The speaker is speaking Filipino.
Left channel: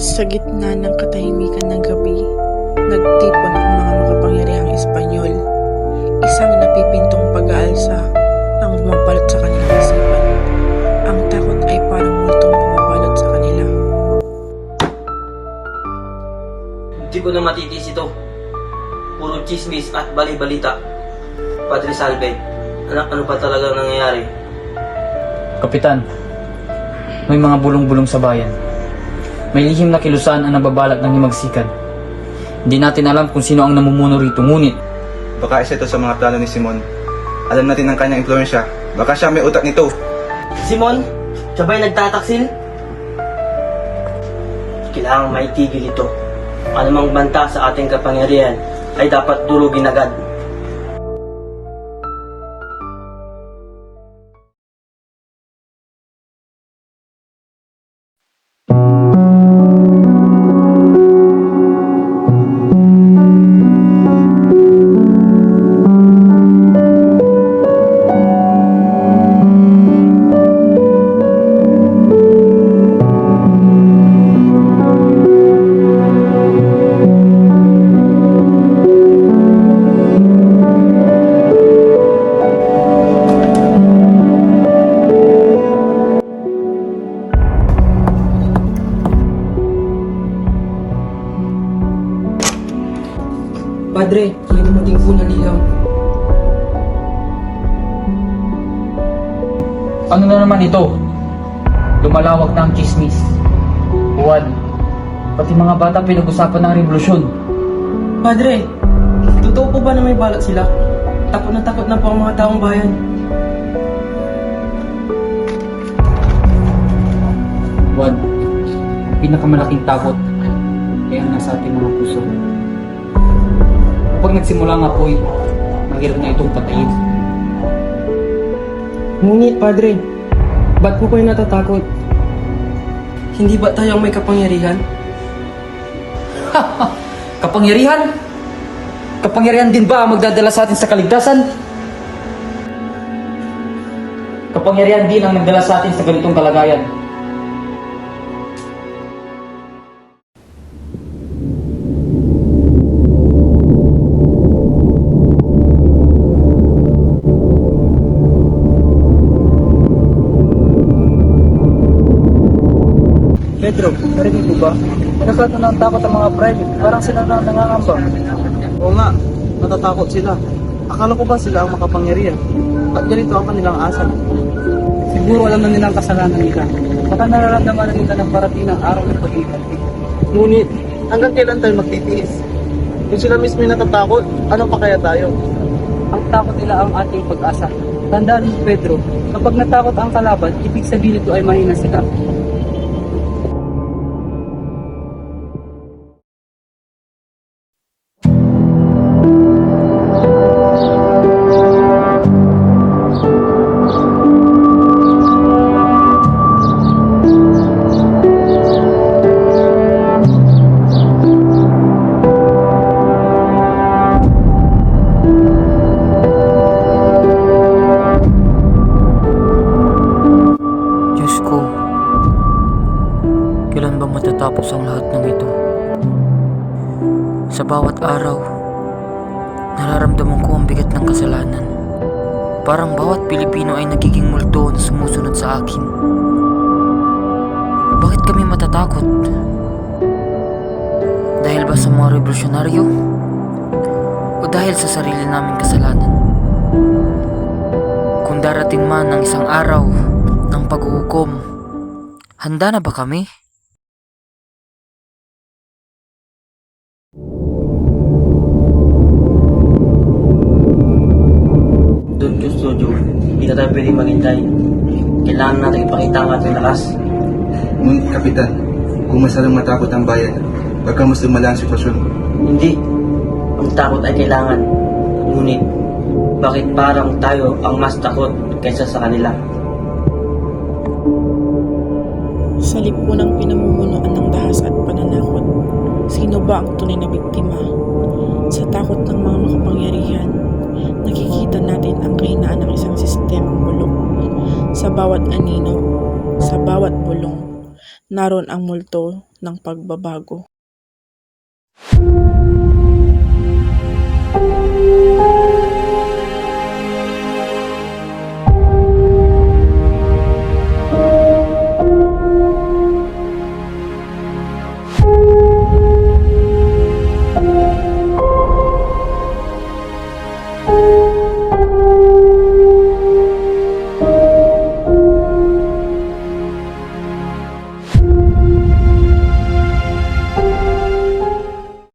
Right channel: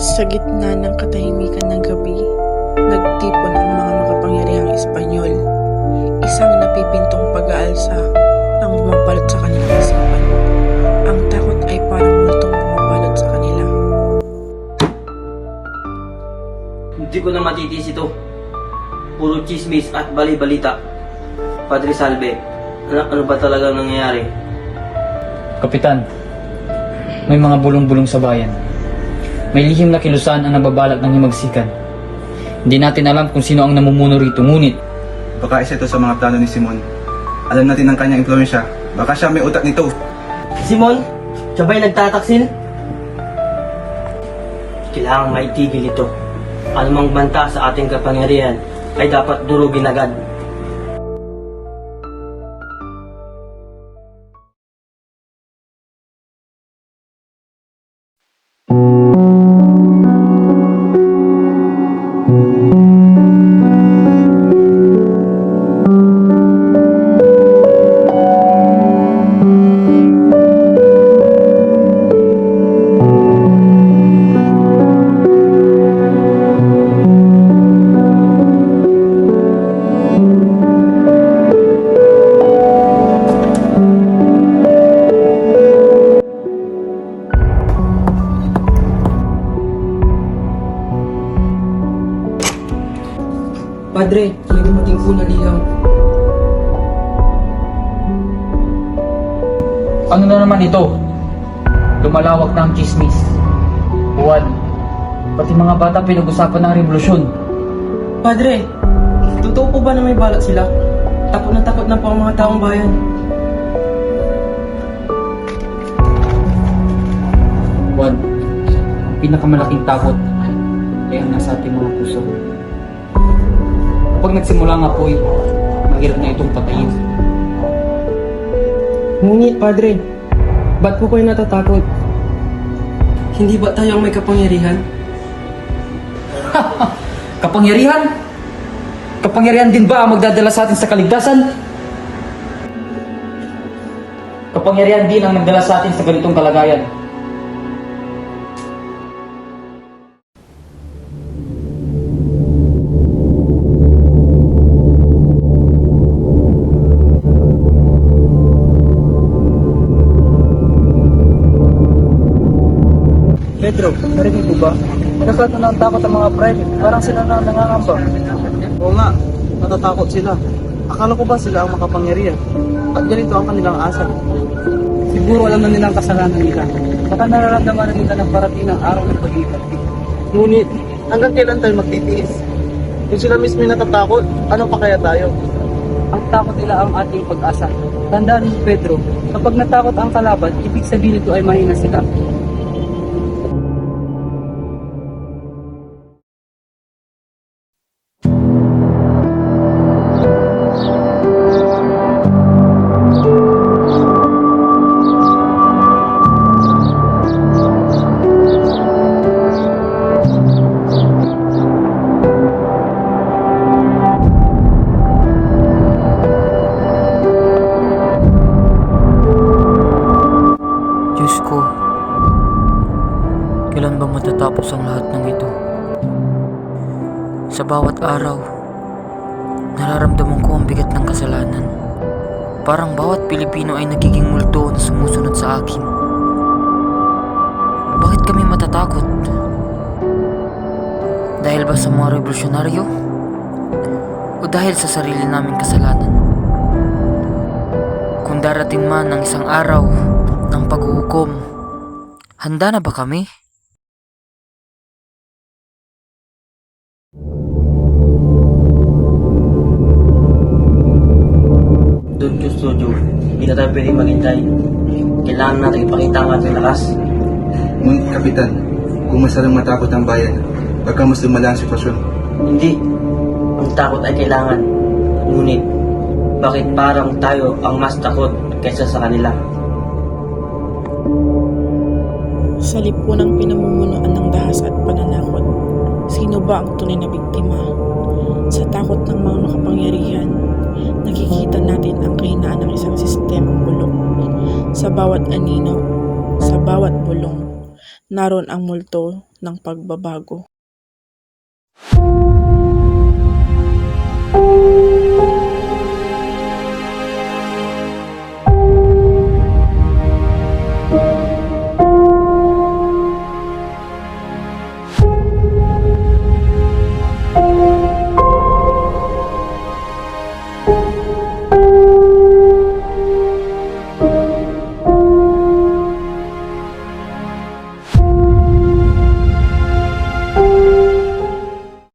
Sa gitna ng katahimikan ng gabi, nagtipon ang mga makapangyarihang Espanyol. Isang napipintong pag-aalsa ang bumabalot sa kanilang isipan. Ang takot ay parang multong bumabalot sa kanila. Hindi ko na matitis ito. Puro chismis at bali-balita. Padre Salve, ano ba talaga nangyayari? Kapitan, may mga bulong-bulong sa bayan. May lihim na kilusan ang nababalak ng himagsikan. Hindi natin alam kung sino ang namumuno rito, ngunit Baka isa ito sa mga plano ni Simon. Alam natin ang kanyang influensya. Baka siya may utak nito. Simon, siya ba'y nagtataksil? Kailangang maitigil ito. Anumang banta sa ating kapangyarihan ay dapat durugin agad. Padre, may dumating po na ligaw. ano na naman ito? Lumalawak na ang chismis. Juan, pati mga bata pinag-usapan ng revolusyon. Padre, totoo po ba na may balak sila? Takot na po ang mga taong bayan. Juan, ang pinakamalaking takot ay ang nasa ating mga puso. Kapag nagsimula nga po, mahirap na itong patayin. Ngunit, Padre, ba't po kayo natatakot? Hindi ba tayo ang may kapangyarihan? Kapangyarihan? Kapangyarihan din ba ang magdadala sa atin sa kaligtasan? Kapangyarihan din ang nagdala sa atin sa ganitong kalagayan. Pedro, narinig mo ba? Nagkakaroon ng takot ang mga private. Parang sila na nangangamba. Oo nga, natatakot sila. Akala ko ba sila ang makapangyarihan? At ganito ang kanilang asal? Siguro alam na nilang kasalanan nila. Baka nararamdaman na nila ng parating ng araw ng pag-iiganti. Ngunit, hanggang kailan tayo magtitiis? Kung sila mismo yung natatakot, ano pa kaya tayo? Ang takot nila ang ating pag-asa. Tandaan mo, Pedro, kapag natakot ang kalaban, ibig sabihin ito ay mahina sila. Diyos ko, kailan ba matatapos ang lahat ng ito? Sa bawat araw, nararamdaman ko ang bigat ng kasalanan. Parang bawat Pilipino ay nagiging multo na sumusunod sa akin. Bakit kami matatakot? Dahil ba sa mga revolusyonaryo? O dahil sa sarili naming kasalanan? Kung darating man ang isang araw ng paghuhukom, handa na ba kami? Don Custodio, hindi na tayo pwedeng maghintay. Kailangan natin ipakita ang ating lakas. Ngunit, Kapitan, kung masalang matakot ang bayan, baka mas lumala ang sitwasyon. Hindi. Ang takot ay kailangan. Ngunit, bakit parang tayo ang mas takot kaysa sa kanila? Sa lipunang pinamumunuan ng dahas at pananakot, sino ba ang tunay na biktima? Sa takot ng mga makapangyarihan, nakikita natin ang kahinaan ng isang sistemang bulok. Sa bawat anino, sa bawat bulong, naroon ang multo ng pagbabago.